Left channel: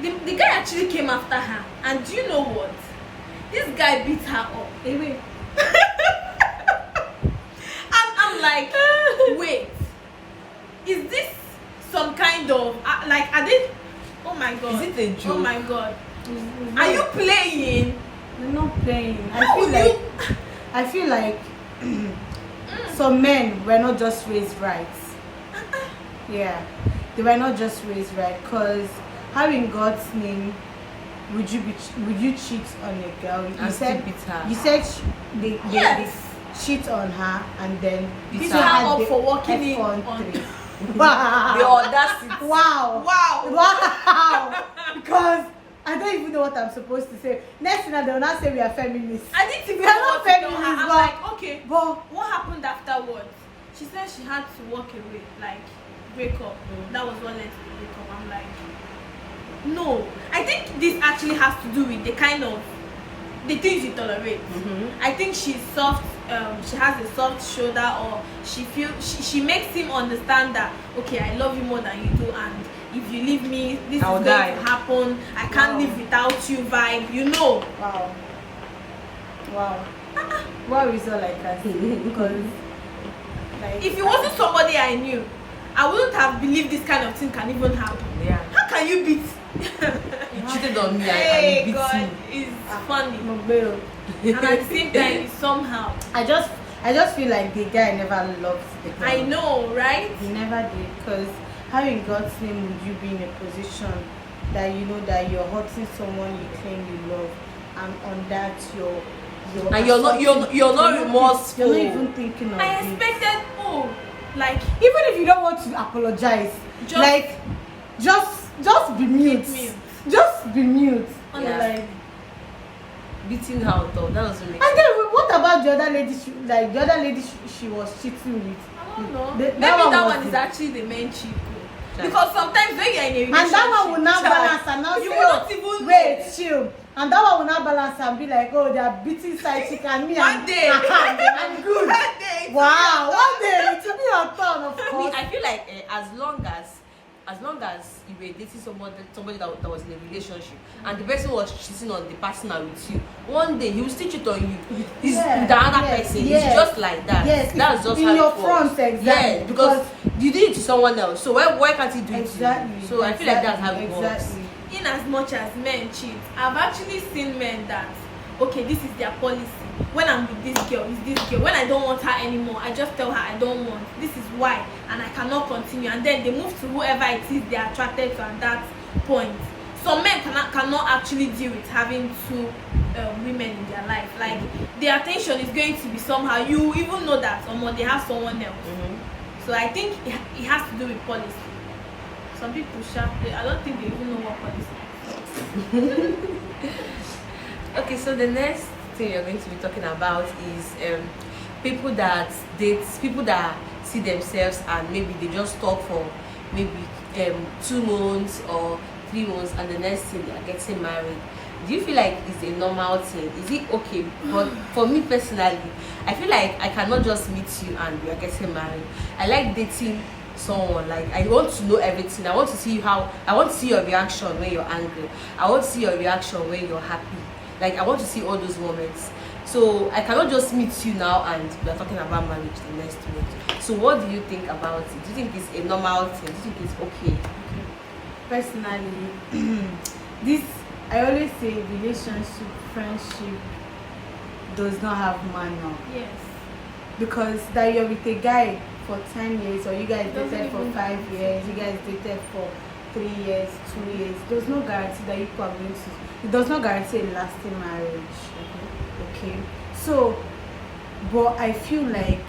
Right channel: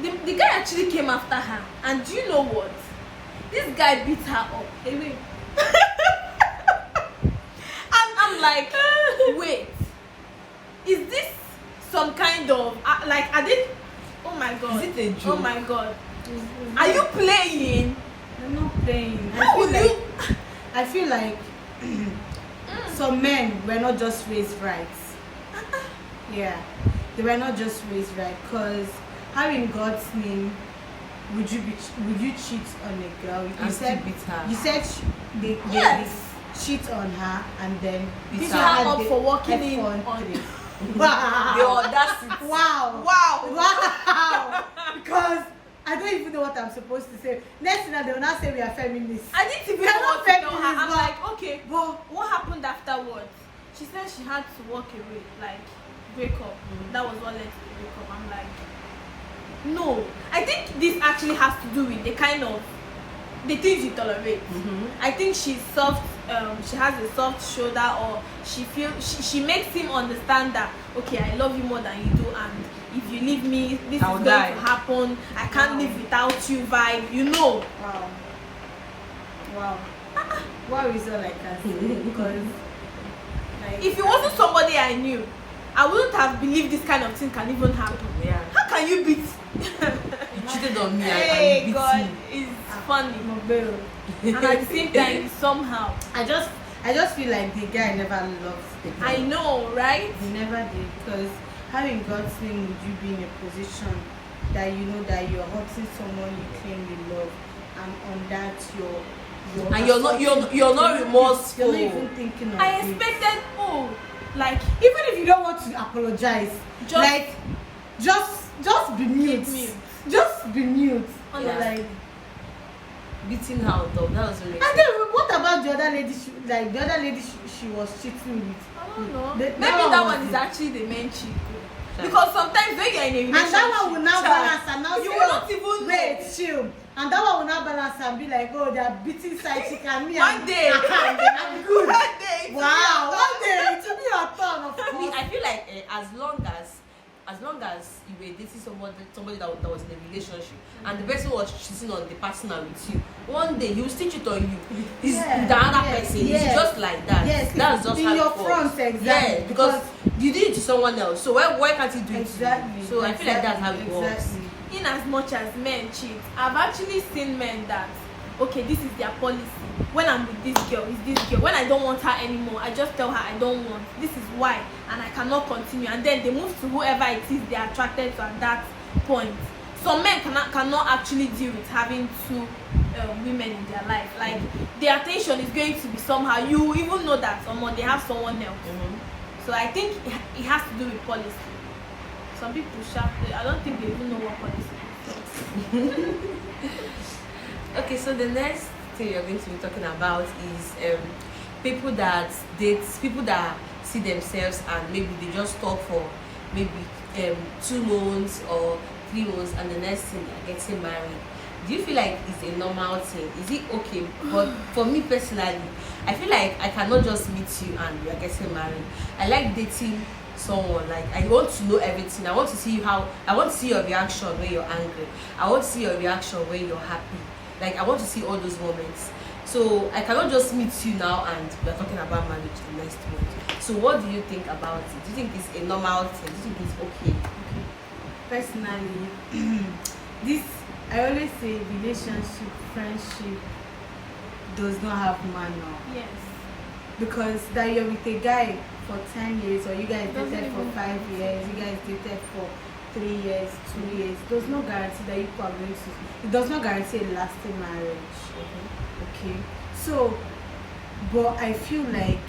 the guy actually came after her, and do you know what? This guy beat her up. Anyway. I'm like, wait, is this some kind of like, are they? Oh my god! Is it a joke? Oh my god! Are you playing? I'm not playing. How will you? I feel like some men were not just raised right. Yeah, they were not just raised right. Cause how in God's name would you cheat on a girl? And still beat her. You said they cheat on her and then Beat her up for walking in on on. three. Wow. The audacity. Wow. Wow! Because I don't even know what I'm supposed to say. Next thing they will not say we are feminists. I didn't even We're know not what to tell her. feminists, I'm but- like, okay, But what happened afterwards? She said she had to walk away, like break up. That was what led to the breakup. I'm like, no. I think this actually has to do with the kind of the things you tolerate. I think she's soft. She has a soft shoulder, or she makes him understand that okay, I love you more than you do, and if you leave me, this I'll is die. going to happen. I can't live without you. Vibe, you know. wow. What is all I can say? Because like, If it wasn't somebody I knew, I wouldn't have believed this kind of thing can even happen. Yeah. How can you beat? You cheated on me Hey, and you beat God, me. it's funny. no bail. And at the same time, somehow. I just feel like the guy never loved the girl. I know, right? He never did, because how in God's name would you be in a position that you know that you're hurting someone you claim you love, and on that you're And you're not remorseful. You're not even thinking of I it. expected, like, Even if you don't want to apologize, just be mute. Mute. Just be mute. on Yeah. the line. Beating her though, that doesn't make And sense. then what about the other lady? The other lady she was cheating with. I don't know. The- Maybe that that one one was- is actually the main cheat code. Child. Because sometimes when you're in a relationship, And that one will now Child. balance and now You say, will not even wait, chill. And that one will now balance and be like, oh, they are beating side chick and me. one day, I'm good. one day, Wow, one day it will be your turn, of I mean, course. I feel like as long as you were dating somebody that was in a relationship and the person was cheating on the partner with you, one day he will still cheat on you. It's Yeah, with another yes, person. yes. It's just like that. Yes, That's just in how your it works. front, exactly, Yeah, because you did it to someone else. So why can't he do it Exactly. to you? So I feel like that's how it works. Exactly. in as much as men cheat, I've actually seen men that, okay, this is their policy. When I'm with this girl, it's this girl. When I don't want her anymore, I just tell her I don't want. This is why, and I cannot continue. And then they move to whoever it is they are attracted to at that point. Some men cannot actually deal with having two women in their life. Like, their attention is going to be somehow. You even know that someone they have someone else. So I think it has to do with policy. Some people I don't think they even know what policy is. Okay, so the next thing you're going to be talking about is people that see themselves and maybe they just talk for maybe 2 months or 3 months and the next thing they are getting married. Do you feel like it's a normal thing? Is it okay? But for me personally, I feel like I cannot just meet you and we are getting married. I like dating someone. Like, I want to know everything. I want to see your reaction when you're angry. I want to see your reaction when you're happy. Like, I want to see all those moments. So I cannot just meet you now and we're talking about marriage the next month. So what do you think about it? Do you think it's a normal thing? Do you think it's okay? Personally, this I always say relationship, friendship does not have manual. Yes. Because that you're with a guy for 10 years or you guys Doesn't dated for even 5 years, you guys dated for 3 years, 2 years, there's no guarantee that you are going to, it does not guarantee a lasting marriage. Okay, so but I feel like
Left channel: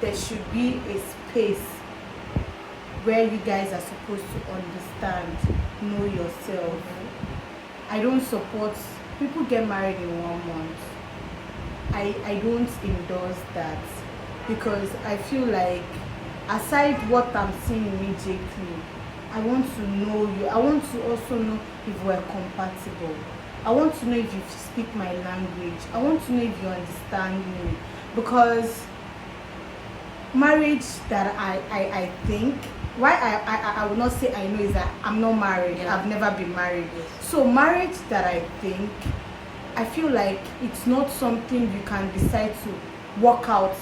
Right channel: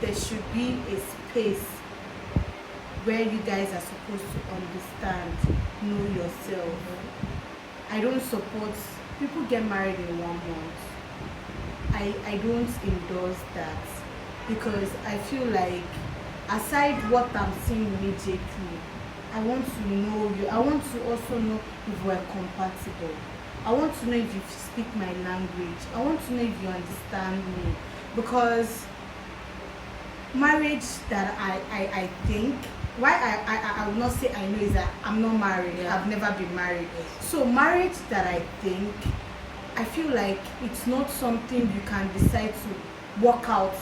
there should be a space where you guys are supposed to understand, know yourself. I don't support people get married in 1 month. I don't endorse that, because I feel like aside what I'm seeing immediately, I want to know you. I want to also know if we're compatible. I want to know if you speak my language. I want to know if you understand me. Because marriage that I think why I will not say I know is that I'm not married. Yeah. I've never been married. Yes. So marriage that I feel like it's not something you can decide to work out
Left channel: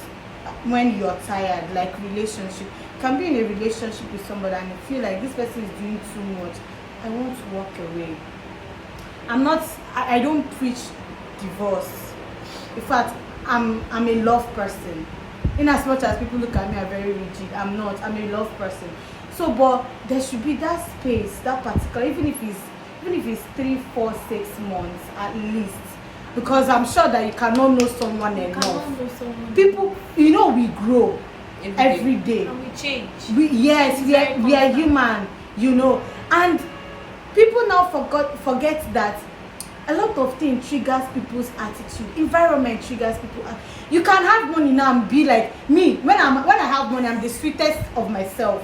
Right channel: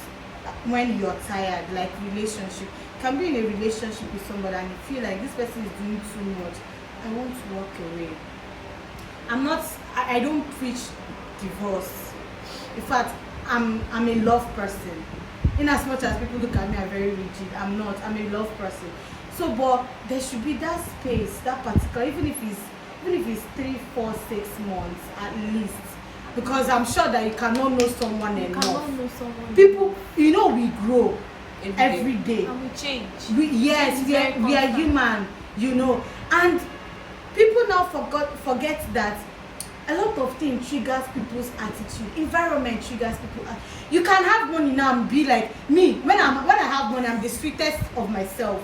when you're tired, like relationship. You can be in a relationship with somebody and you feel like this person is doing too much. I want to walk away. I don't preach divorce. In fact, I'm a love person. In as much as people look at me, I'm very rigid. I'm not. I'm a love person. So, but there should be that space, that particular, even if it's 3, 4, 6 months at least, because I'm sure that you cannot know someone enough. Cannot know someone. People, we grow every day. And we change. We are human, and people now forget that a lot of things triggers people's attitude. Environment triggers people. You can have money now and be like me. When I have money, I'm the sweetest of myself.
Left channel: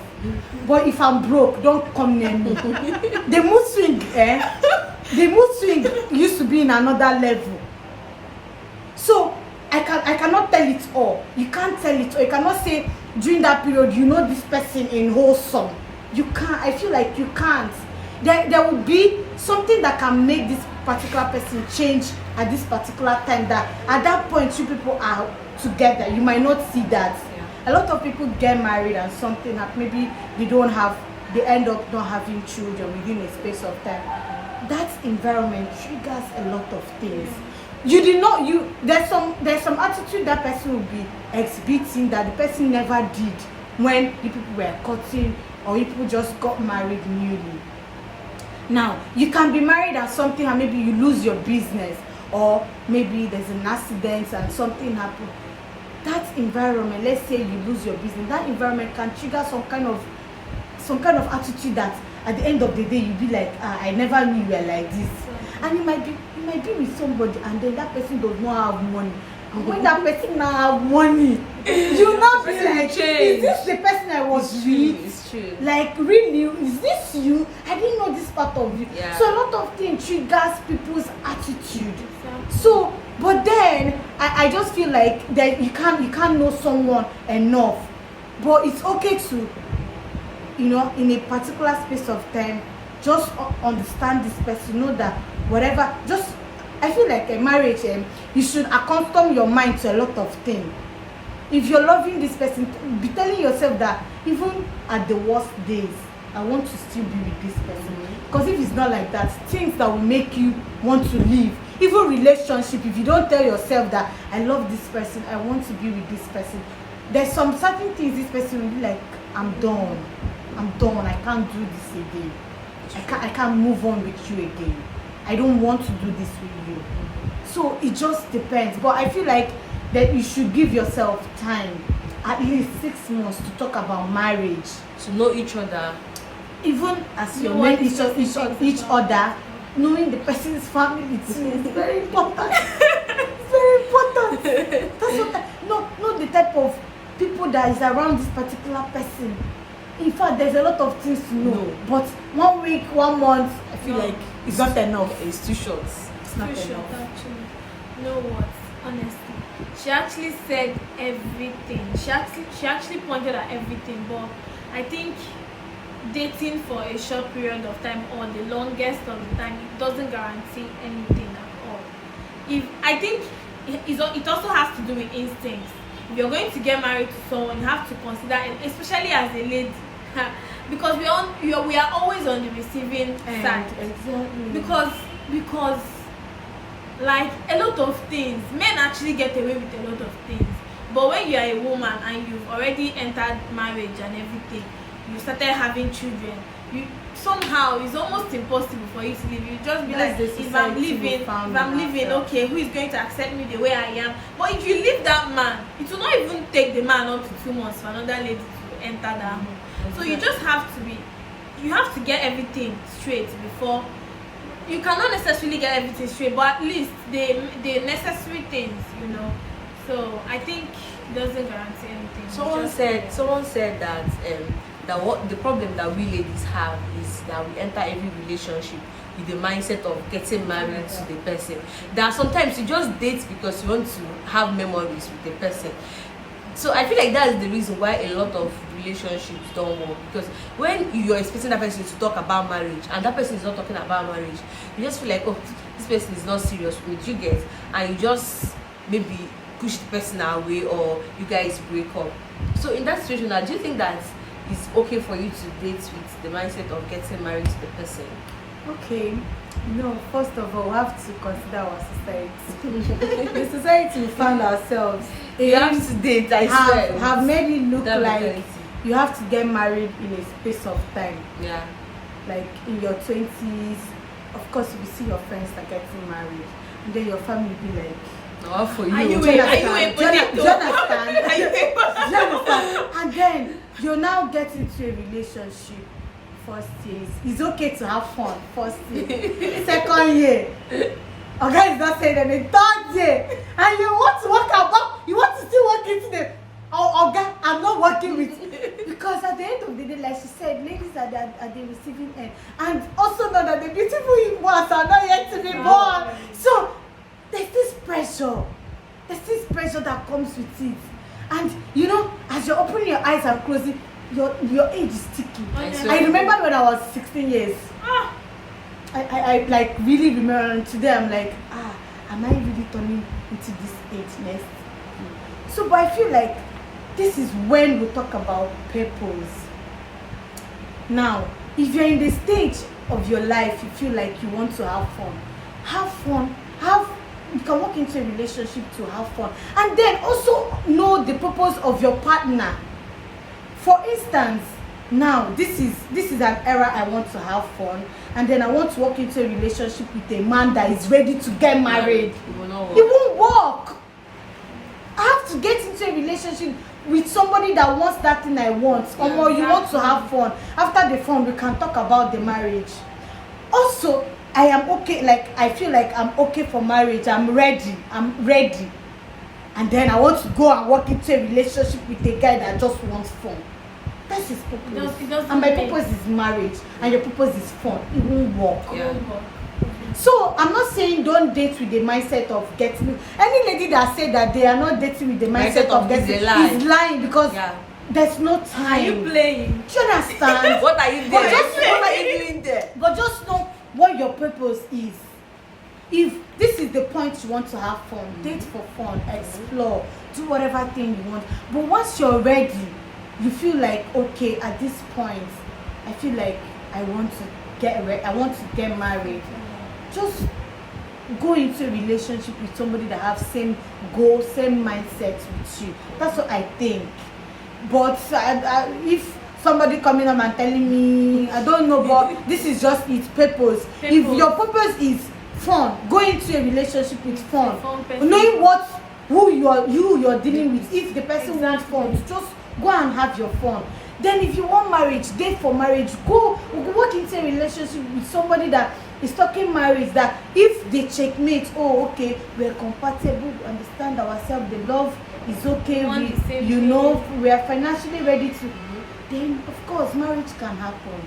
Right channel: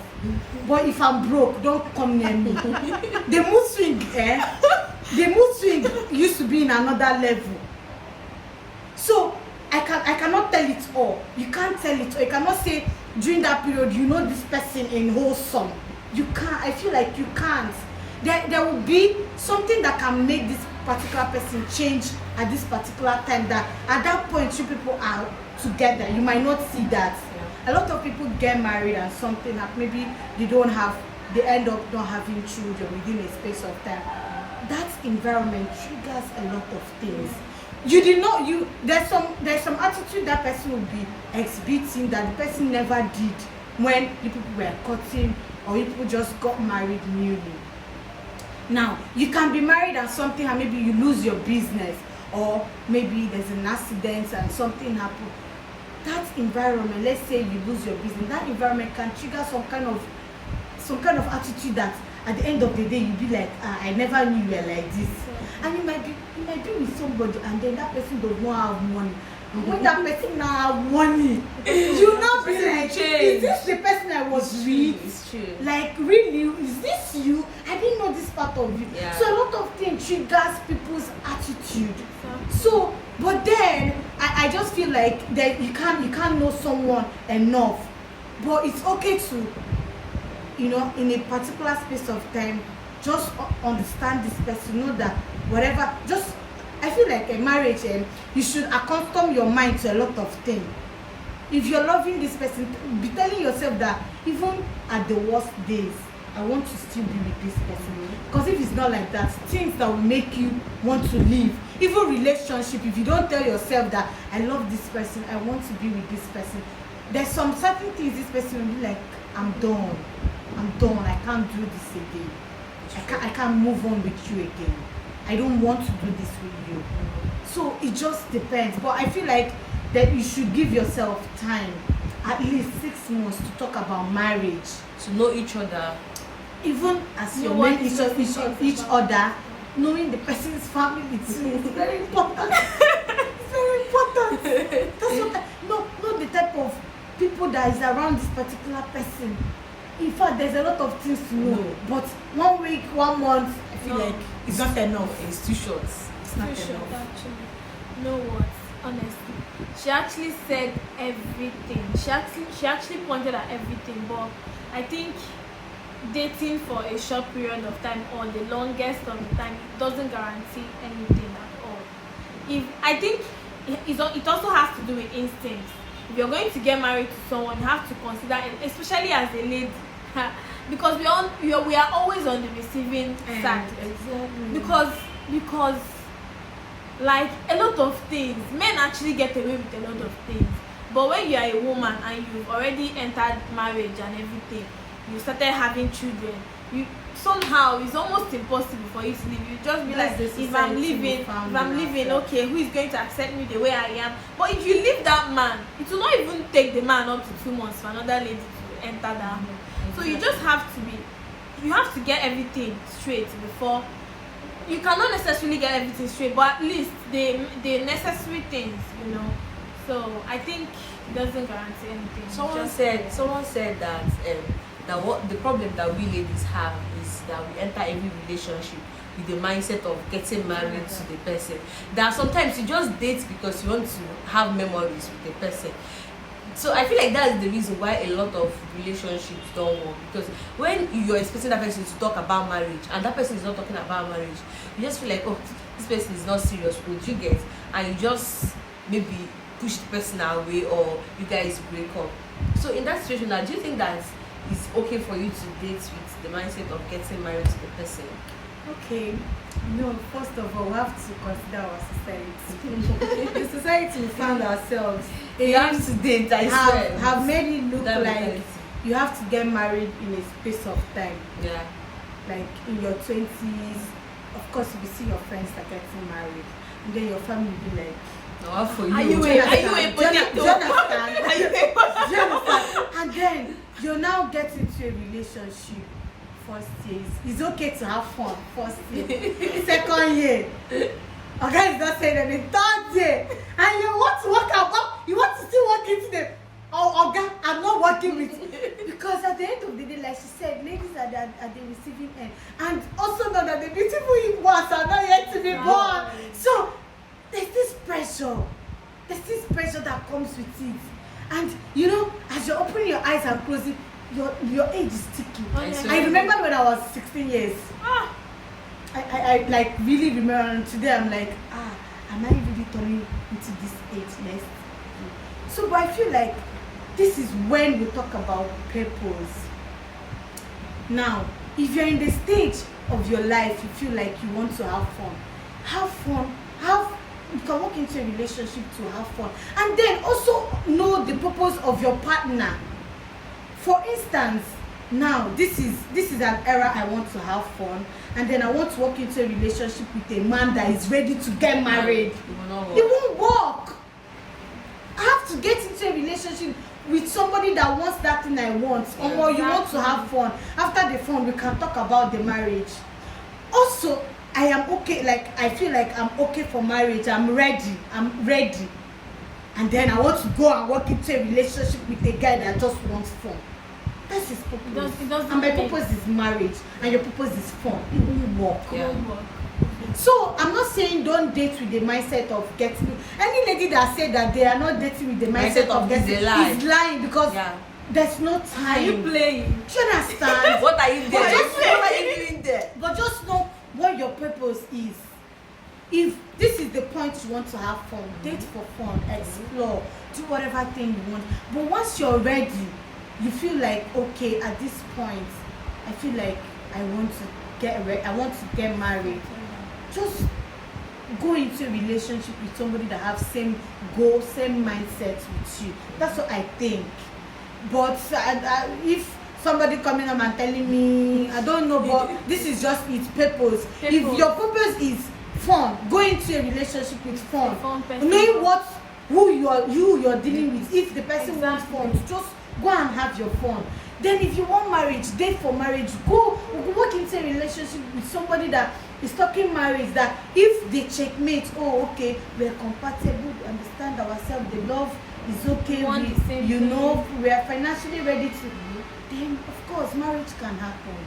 But if I'm broke, don't come near me. The mood swing used to be in another level. So I cannot tell it all. You can't tell it all. You cannot say during that period this person in wholesome. You can't. I feel like you can't. There will be something that can make this particular person change at this particular time, that at that point 2 people are together. You might not see that. A lot of people get married and something that maybe they end up not having children within a space of time. That environment triggers a lot of things. There's some attitude that person will be exhibiting that the person never did when the people were courting or people just got married newly. Now, you can be married and something and maybe you lose your business, or maybe there's an accident and something happened. That environment, let's say you lose your business, that environment can trigger some kind of attitude that at the end of the day you'll be like, I never knew you were like this. And you might be with somebody and then that person does not have money. And when that person now have money, you not be like, is this the person I was with? It's true. Like, really, is this you? I didn't know this part of you. Yeah. So a lot of things triggers people's attitude. So, but then I just feel like that you can't know someone enough. But it's okay to, in a particular space of time, just understand this person, know that whatever, I feel like a marriage, you should accustom your mind to a lot of things. If you're loving this person, be telling yourself that even at the worst days, I want to still be with this person. Because if it's not like that, things that will make you want to leave, even relationship, if you don't tell yourself that I love this person, I want to be with this person, there's some certain things this person will be like, I'm done, I can't do this again. I can't move on with you again. I don't want to do this with you. So it just depends. But I feel like that you should give yourself time, at least 6 months, to talk about marriage, to know each other. Even as you know each other, knowing the person's family too. It's very important. It's very important. That's what not the type of people that is around this particular person. In fact, there's a lot of things to know. No. But 1 week, 1 month, I feel like it's not enough. It's too short. It's not Too short, enough. actually. You know what? Honestly, she actually said everything. She actually pointed at everything. But I think dating for a short period of time or the longest of the time doesn't guarantee anything at all. I think it also has to do with instinct. If you're going to get married to someone, you have to consider, especially as a lady, because we are always on the receiving side. Exactly. Because like a lot of things, men actually get away with a lot of things. But when you are a woman and you've already entered marriage and everything, you started having children, somehow it's almost impossible for you to leave. You just be like, if I'm leaving, okay, who is going to accept me the way I am? But if you leave that man, it will not even take the man up to 2 months for another lady to enter that home. So you just have to get everything straight before. You cannot necessarily get everything straight, but at least the necessary things, So I think it doesn't guarantee anything. Someone said that what the problem that we ladies have is that we enter every relationship with the mindset of getting married to the person. That sometimes you just date because you want to have memories with the person. So I feel like that's the reason why a lot of relationships don't work, because when you're expecting that person to talk about marriage and that person is not talking about marriage, you just feel like, oh, this person is not serious with you, get, and you just maybe push the person away or you guys break up. So in that situation now, do you think that it's okay for you to date with the mindset of getting married to the person? Okay. No, first of all, we have to consider our society. The society we found ourselves You have to date, I swear. have made it look That like mentality. you have to get married in a space of time. Yeah. Like in your 20s, of course, you will see your friends are getting married, and then your family will be like, No, for you. Are you Do you a understand? potato? Do you understand? Are you a potato? Do you understand? And then you now get into a relationship. First year, it's okay to have fun. First year, second year, a guy is not saying anything. Third year, and you want to work about, you want to still work into the. Oh, guy, I'm not working with, because at the end of the day, like she said, ladies are the receiving end, and also know that the beautiful ones are not yet to be born. So there's this pressure that comes with it, and you know, as you're opening your eyes and closing, your age is ticking. I remember when I was 16 years. I like really remember, and today I'm like, am I really turning into this age next? So, but I feel like this is when we talk about purpose. Now, if you're in the stage of your life, you feel like you want to have fun. You can walk into a relationship to have fun, and then also know the purpose of your partner. For instance, now this is an era I want to have fun, and then I want to walk into a relationship with a man that is ready to get married. It will not work. It won't work. I have to get into a relationship with somebody that wants that thing I want. Yeah, Or you want to have fun. After the fun, we can talk about the marriage. Also, I am okay. Like I feel like I'm okay for marriage. I'm ready. And then I want to go and walk into a relationship with a guy that just wants fun. That's his purpose. And my purpose is marriage, and your purpose is fun. It won't work. Yeah. So I'm not saying don't date with the mindset of getting. Any lady that said that they are not dating with the mindset of getting is a lie. is lying, because Yeah. there's no time. Are you playing? Do you understand? What are you doing? But What are you doing there? But just know what your purpose is. If this is the point you want to have fun, date for fun, explore, do whatever thing you want. But once you're ready, you feel like, okay, at this point, I feel like I want to get married. Just go into a relationship with somebody that have same goal, same mindset with you. That's what I think. But if somebody coming up and telling me, I don't know, but this is just its purpose. If your purpose is fun, go into a relationship with fun, knowing who you're dealing with. If the person wants fun, just go and have your fun. Then if you want marriage, date for marriage. Go work into a relationship with somebody that is talking marriage, that if they checkmate, oh okay, we're compatible, we understand ourselves, the love is okay, we are financially ready to, then of course marriage can happen.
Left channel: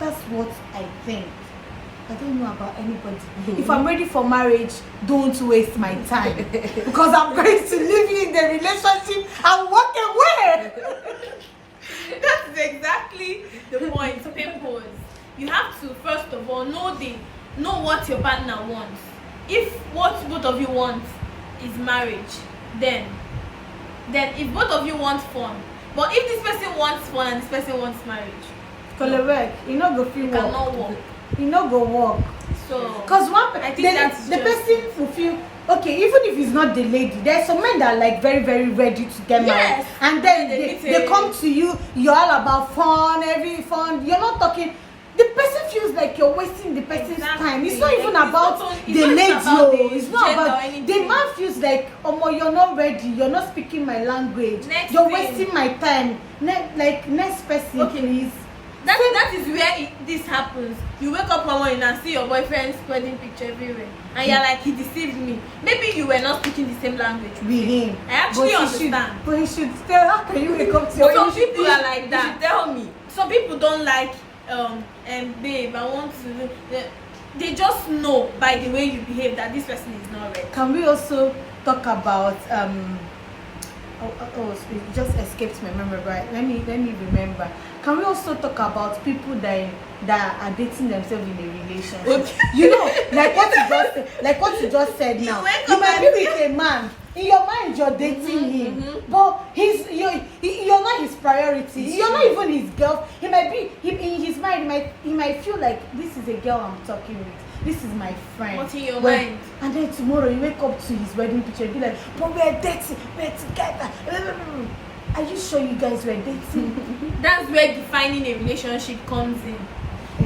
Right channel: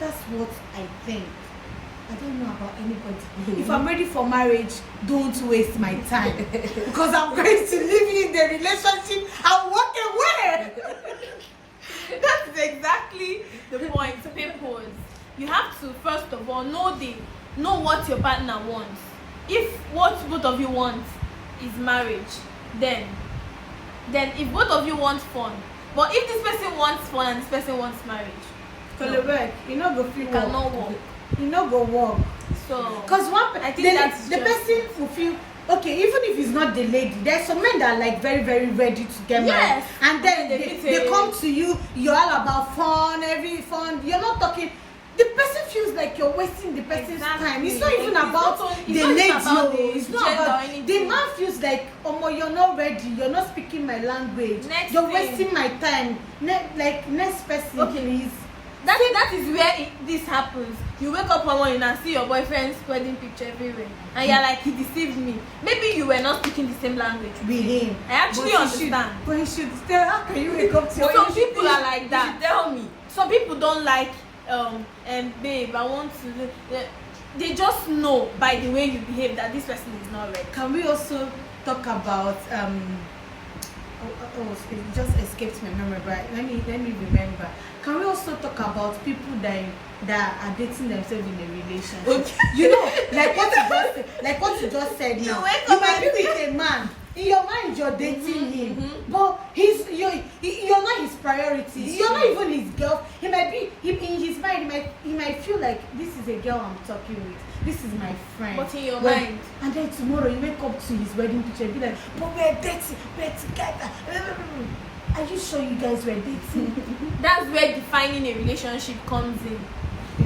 That's what I think. I don't know about anybody. If I'm ready for marriage, don't waste my time, because I'm going to leave you in the relationship and walk away. That is exactly the point. Purpose. You have to first of all know what your partner wants. If what both of you want is marriage, then if both of you want fun, but if this person wants fun and this person wants marriage, Correct. You know go feel cannot work. You know go work. So Because I think that's the just- person will feel okay, even if it's not the lady. There's some men that are like very, very ready to get married, Yes. and then They they come to you. You're all about fun, every fun. You're not talking. The person feels like you're wasting the person's Exactly. time. It's not even It's about not the even lady. about the It's not gender or about anything. the man feels like, oh, you're not ready. You're not speaking my language. Next you're thing. wasting my time. Like next person, Okay. please. that is where this happens. You wake up one morning and see your boyfriend's wedding picture everywhere, and you're like, he deceived me. Maybe you were not speaking the same language With him. I actually understand. But he should tell. How can you wake up to your Some people are like You that. should tell me. Some people don't like and babe, I want to. They just know by the way you behave that this person is not ready. Can we also talk about it just escaped my memory, but let me remember. Can we also talk about people that are dating themselves in a relationship? Okay. You know, like what you just said now. You might be with a man. In your mind, you're dating him, but you're not his priority. You're not even his girl. He might be in his mind. He might feel like this is a girl I'm talking with. This is my friend. What's in your mind? And then tomorrow you wake up to his wedding picture and be like, but we're dating, we're together. Are you sure you guys were dating? That's where defining a relationship comes in.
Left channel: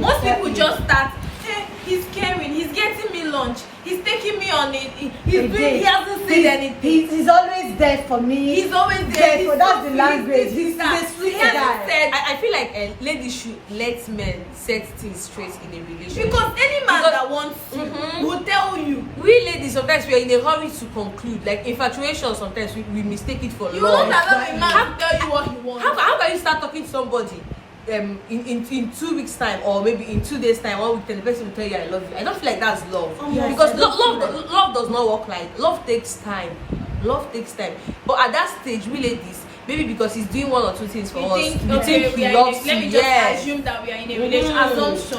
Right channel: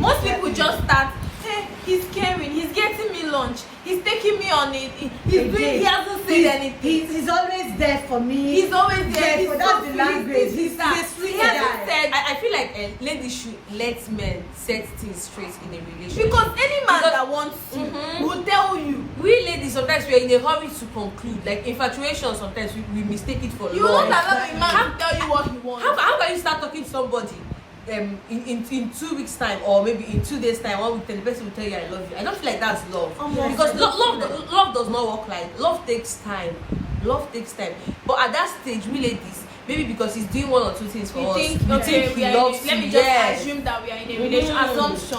Most people just start, hey, he's caring, he's getting me lunch, he's taking me on it, he hasn't said anything. He's always there for me. He's always there. So that's the language. He's a sweet He guy. hasn't said. I feel like ladies should let men set things straight in a relationship. Because any man that wants you will tell you. We ladies sometimes we are in a hurry to conclude. Like infatuation, sometimes we mistake it for You love. won't allow a man to tell you what he wants. How can you start talking to somebody in 2 weeks time, or maybe in 2 days time, 1 week time, the person will tell you I love you? I don't feel like that's love. Yes. Because love does not work like love takes time. Love takes time. But at that stage, we ladies, maybe because he's doing 1 or 2 things for us, we think he loves you. Let me Yes. just assume that we are in a relationship. Assumption.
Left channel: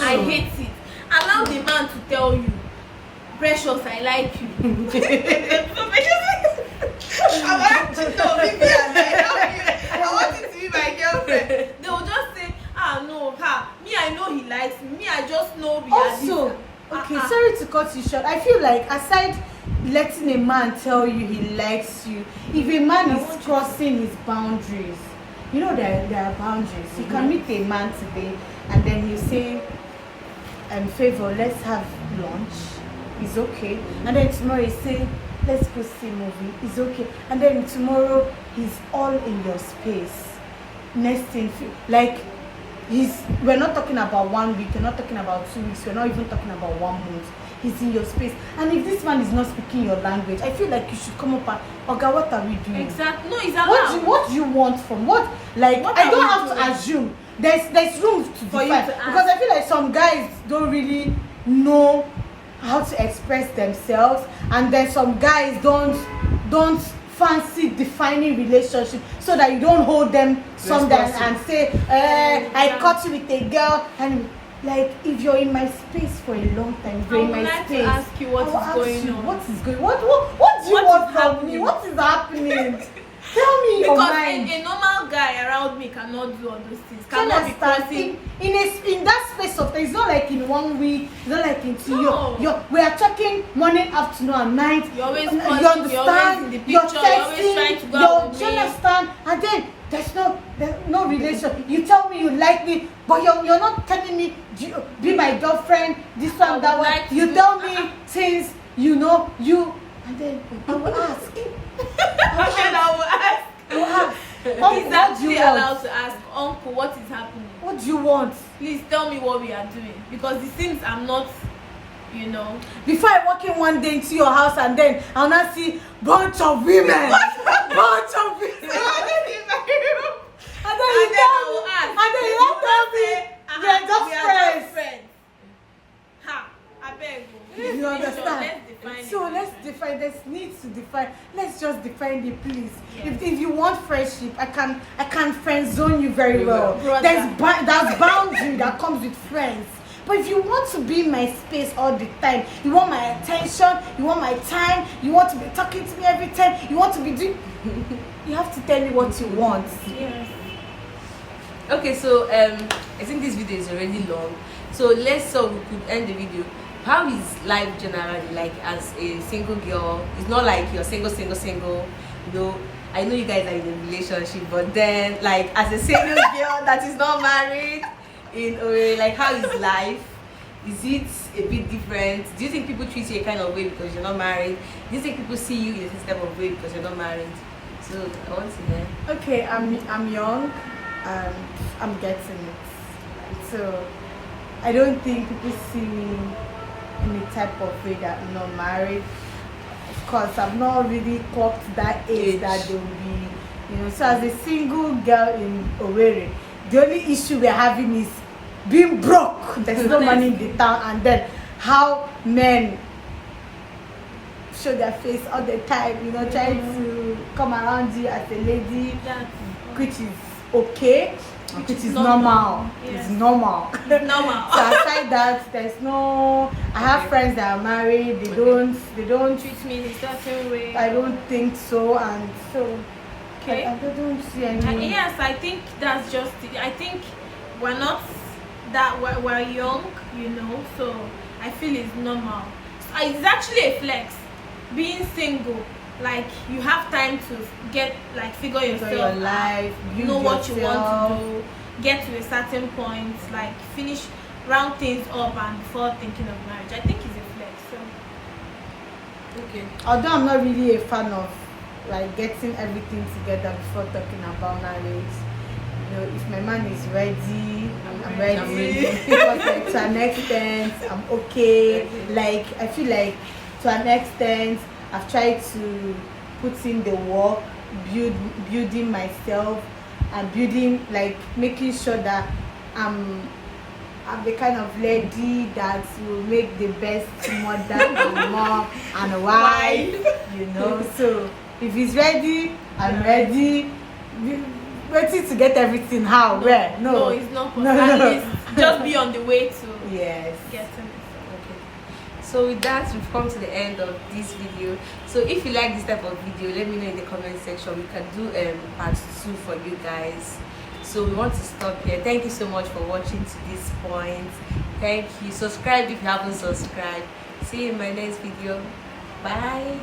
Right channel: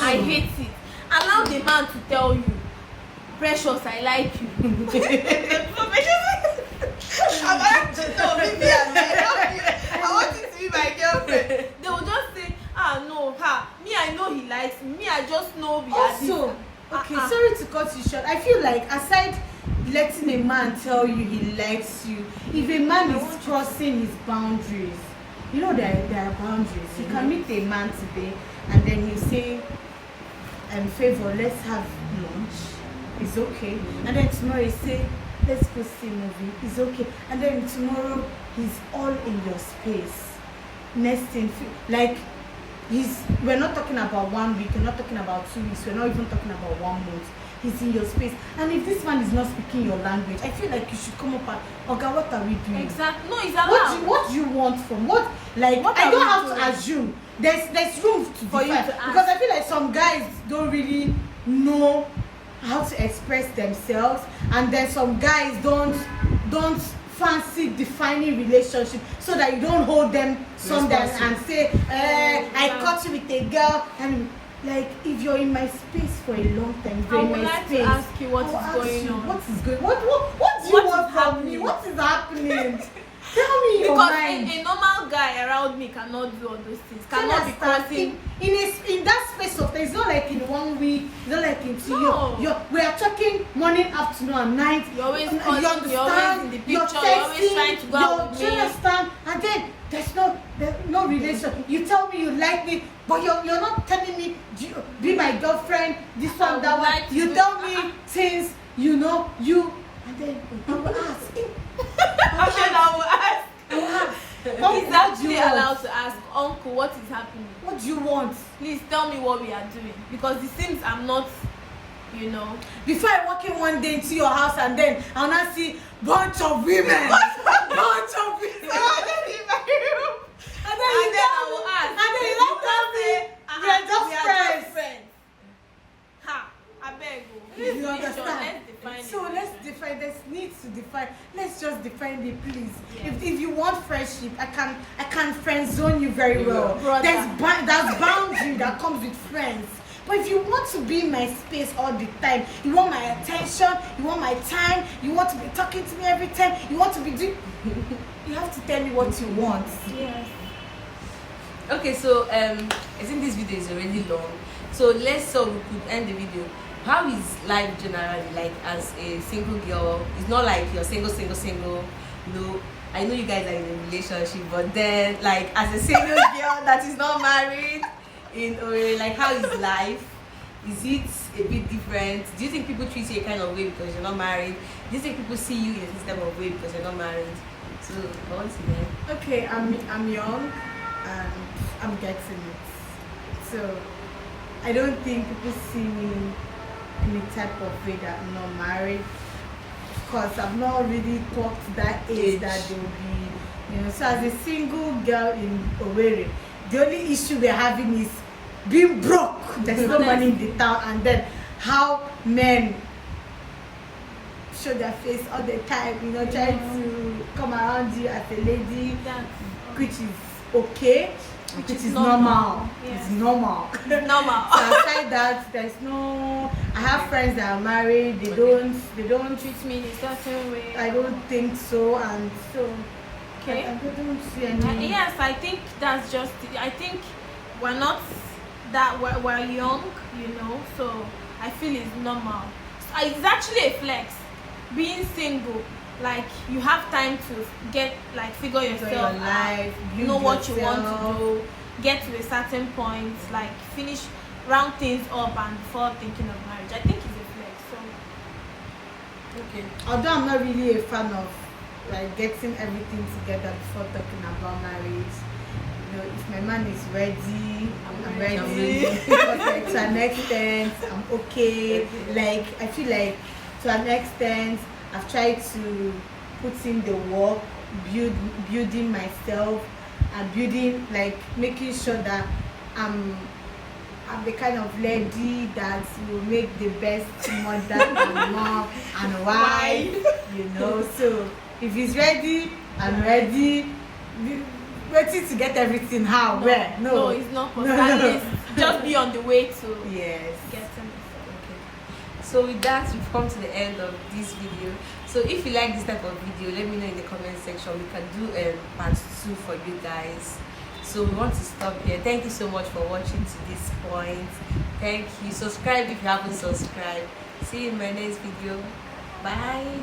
I hate it. Allow the man to tell you, precious, I like you. I'm actually no, Vivian, I love you. I want you to be my girlfriend. They will just say, no, me, I know he likes me. Me, I just know we are Also, this. okay, sorry to cut you short. I feel like aside letting a man tell you he likes you, if a man is crossing his boundaries, you know there are boundaries. You can meet a man today and then you say, favor, let's have lunch. It's okay. And then tomorrow you say, let's go see a movie. It's okay. And then tomorrow he's all in your space. Next thing, like we're not talking about 1 week, we're not talking about 2 weeks, we're not even talking about 1 month. He's in your space. And if this man is not speaking your language, I feel like you should come up and, Oga, what are we doing? Exactly. No, it's allowed. What do you want from what? Like, What I are don't we have doing? to assume. There's room to For you define. to ask. Because I feel like some guys don't really know how to express themselves, and then some guys don't fancy defining relationship, so that you don't hold them sometimes and say, I caught you with a girl, and like if you're in my space for a long time, you're in my space. To ask you what is going on. What is going? What do you What want is from happening? me? What is happening? Tell me your Because mind. a normal guy around me cannot do all those things. Cannot be crossing. In that space of time. It's not like in 1 week. It's not like in 2 No. years. We are talking morning, afternoon, and night. You're always you calling, understand? you're always in the picture, You're you're always texting, trying to go out with you me. understand? And then there's no relation. You tell me you like me, but you're not telling me be my girlfriend. This I one, that would one. like You to- tell me things you know you, and then I will ask. I will ask. Uncle, He's what do actually you want? allowed to ask, Uncle, what is happening? What do you want? Please tell me what we are doing. Because it seems I'm not, Before I walk in one day into your house and then I'll not see bunch of women. Bunch of women. And then you tell me, and then you won't tell me they're just friends. Ha! I beg you. You understand? Let's define it. So let's define. There's needs to define. Let's just define the please. Yes. If you want friendship, I can friend zone you very well. Brother. There's boundary that comes with friends. But if you want to be in my space all the time, you want my attention, you want my time, you want to be talking to me every time, you want to be doing, you have to tell me what you want. Yes. Okay, so I think this video is already long, so we could end the video. How is life generally like as a single girl? It's not like you're single. I know you guys are in a relationship, but then like as a single girl that is not married, like how is life? Is it a bit different? Do you think people treat you a kind of way because you're not married? Do you think people see you in a type of way because you're not married? So I want to see that. Okay, I'm young and I'm getting it. So I don't think people see me in a type of way that I'm not married. Of course, I've not really clocked that age that they will be, So as a single girl in Owerri, the only issue we're having is being broke. There's no money in the town, and then how men show their face all the time, you know, trying to come around you as a lady, which is okay, which is normal. Yeah. It's normal. It's normal. So aside that, there's no. I have friends that are married. They don't treat me in a certain way. I don't think so, and so Okay. I don't see any. Yes, I think that's just it. I think we're not that we're young, you know, so I feel it's normal. So it's actually a flex being single. Like you have time to get figure yourself your out, life, know what you want to yourself. do, get to a certain point, like finish, round things up, and before thinking of marriage. I think it's a flex. So Okay. Although I'm not really a fan of like getting everything together before talking about marriage. You know, if my man is ready, I'm ready. I'm ready. Because like, to an extent, I'm okay. Like I feel like to an extent, I've tried to put in the work, building myself, and building making sure that I'm the kind of lady that will make the best mother and mom and wife, you know. So if he's ready, I'm ready. Waiting to get everything. How? Where? no, it's not possible. No. At least just be on the way to Yes. getting it. Okay. So with that, we've come to the end of this video. So if you like this type of video, let me know in the comment section. We can do part 2 for you guys. So we want to stop here. Thank you so much for watching to this point. Thank you. Subscribe if you haven't subscribed. See you in my next video. Bye.